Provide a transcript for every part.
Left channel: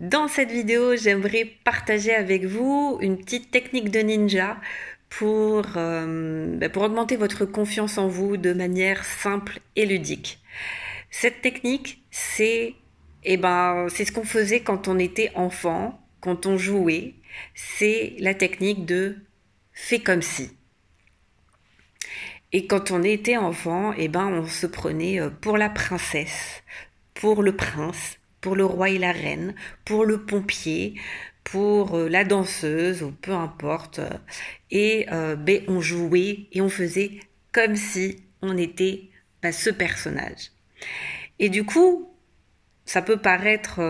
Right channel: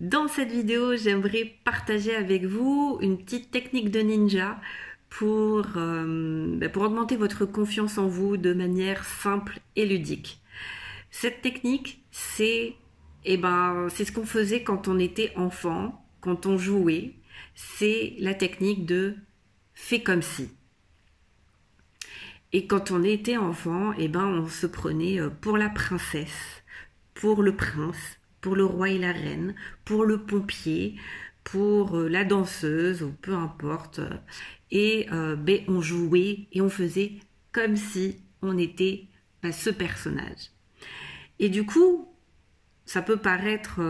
Dans cette vidéo, j'aimerais partager avec vous une petite technique de ninja pour augmenter votre confiance en vous de manière simple et ludique. Cette technique, c'est ce qu'on faisait quand on était enfant, quand on jouait. C'est la technique de fais comme si. Et quand on était enfant, on se prenait pour la princesse, pour le prince, pour le roi et la reine, pour le pompier, pour la danseuse, ou peu importe. On jouait et on faisait comme si on était ce personnage. Et du coup, ça peut paraître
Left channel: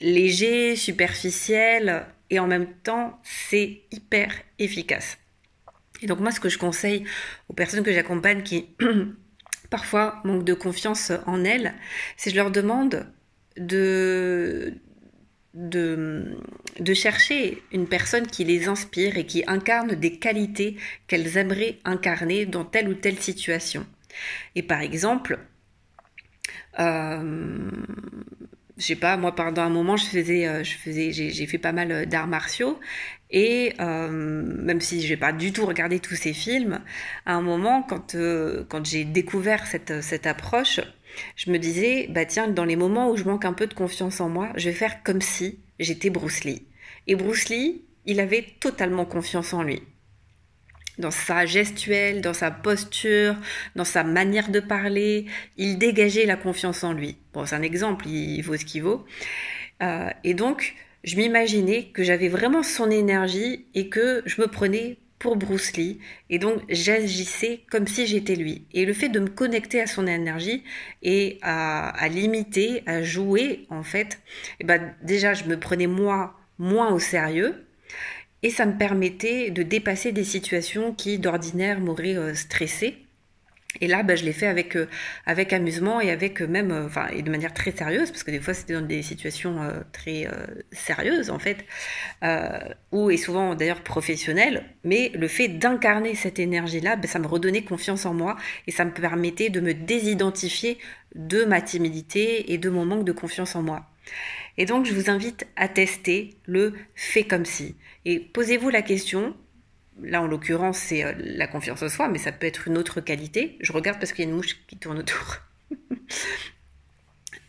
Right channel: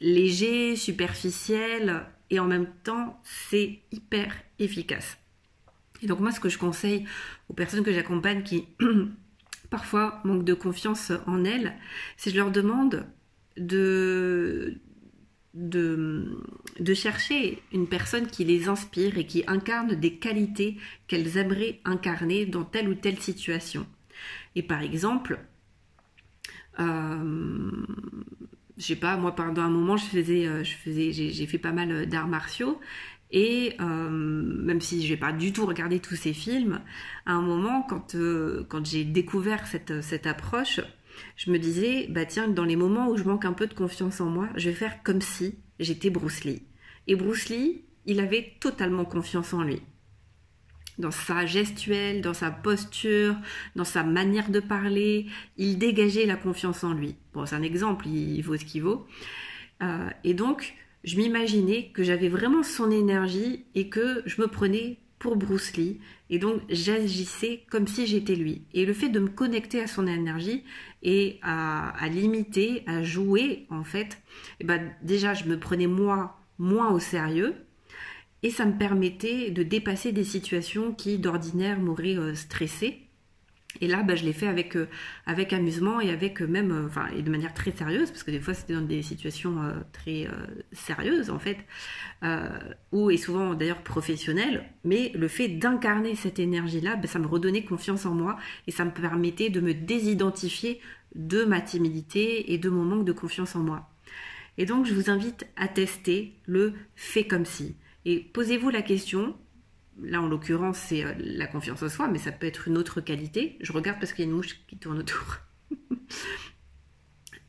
léger, superficiel, et en même temps, c'est hyper efficace. Et donc moi, ce que je conseille aux personnes que j'accompagne qui parfois manquent de confiance en elles, c'est je leur demande de chercher une personne qui les inspire et qui incarne des qualités qu'elles aimeraient incarner dans telle ou telle situation. Et par exemple, je sais pas, moi pendant un moment j'ai fait pas mal d'arts martiaux et même si je n'ai pas du tout regardé tous ces films, à un moment quand j'ai découvert cette approche, je me disais bah tiens, dans les moments où je manque un peu de confiance en moi, je vais faire comme si j'étais Bruce Lee. Et Bruce Lee, il avait totalement confiance en lui. Dans sa gestuelle, dans sa posture, dans sa manière de parler, il dégageait la confiance en lui. Bon, c'est un exemple, il vaut ce qu'il vaut. Et donc, je m'imaginais que j'avais vraiment son énergie et que je me prenais pour Bruce Lee. Et donc, j'agissais comme si j'étais lui. Et le fait de me connecter à son énergie et à l'imiter, à jouer, en fait, déjà, je me prenais moi moins au sérieux. Et ça me permettait de dépasser des situations qui, d'ordinaire, m'auraient stressée. Et là, je l'ai fait avec amusement et avec et de manière très sérieuse, parce que des fois, c'était dans des situations très sérieuses, en fait, et souvent, d'ailleurs, professionnelles. Mais le fait d'incarner cette énergie-là, ça me redonnait confiance en moi et ça me permettait de me désidentifier de ma timidité et de mon manque de confiance en moi. Et donc, je vous invite à tester le « fait comme si ». Et posez-vous la question, là en l'occurrence c'est la confiance en soi, mais ça peut être une autre qualité. Je regarde parce qu'il y a une mouche qui tourne autour.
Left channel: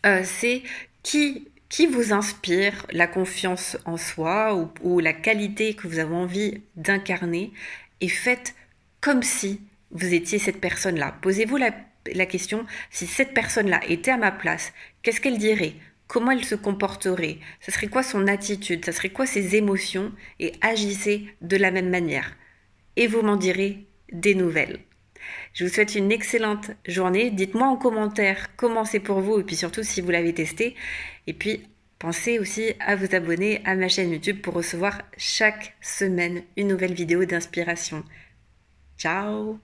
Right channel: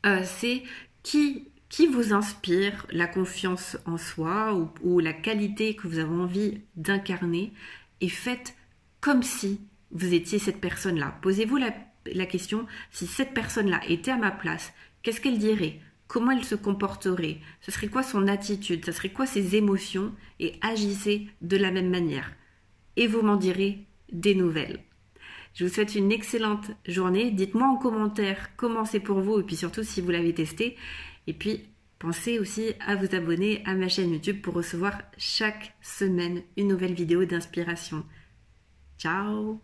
C'est qui vous inspire la confiance en soi ou la qualité que vous avez envie d'incarner et faites comme si vous étiez cette personne-là. Posez-vous la question, si cette personne-là était à ma place, qu'est-ce qu'elle dirait ? Comment elle se comporterait? Ça serait quoi son attitude? Ça serait quoi ses émotions? Et agissez de la même manière. Et vous m'en direz des nouvelles. Je vous souhaite une excellente journée. Dites-moi en commentaire comment c'est pour vous et puis surtout si vous l'avez testé. Et puis pensez aussi à vous abonner à ma chaîne YouTube pour recevoir chaque semaine une nouvelle vidéo d'inspiration. Ciao!